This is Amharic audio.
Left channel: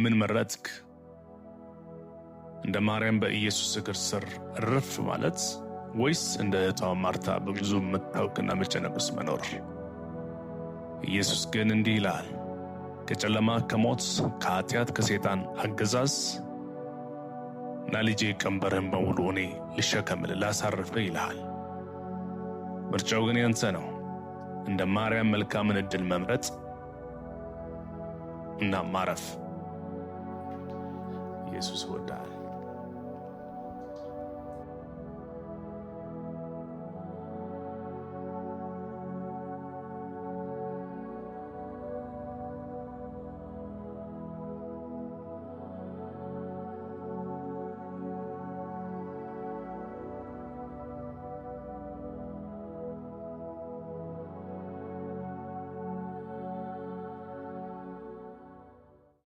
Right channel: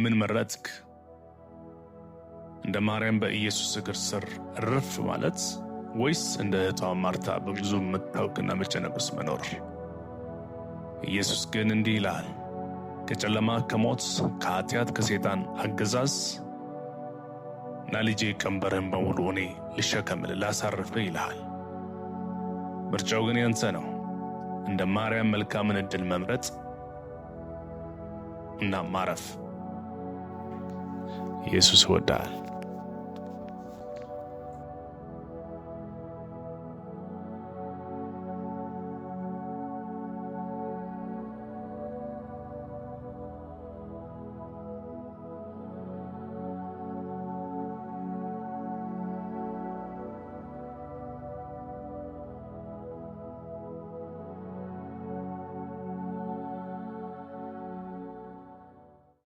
ምን መረጥክ? እንደ ማርያም በኢየሱስ እግር ስር እርፍ ማለት ወይስ እንደ እህቷ ማርታ በብዙ መታወክና መጨነቅ ውስጥ መኖር? ኢየሱስ ግን እንዲህ ይላል፣ ከጨለማ ከሞት ከኃጢአት ከሰይጣን አገዛዝ ና ልጄ ቀንበርህን በሙሉ እኔ ልሸከምልህ ላሳርፍህ ይልሃል። ምርጫው ግን ያንተ ነው። እንደ ማርያም መልካምን ዕድል መምረጥ እና ማረፍ። ኢየሱስ ይወዳል።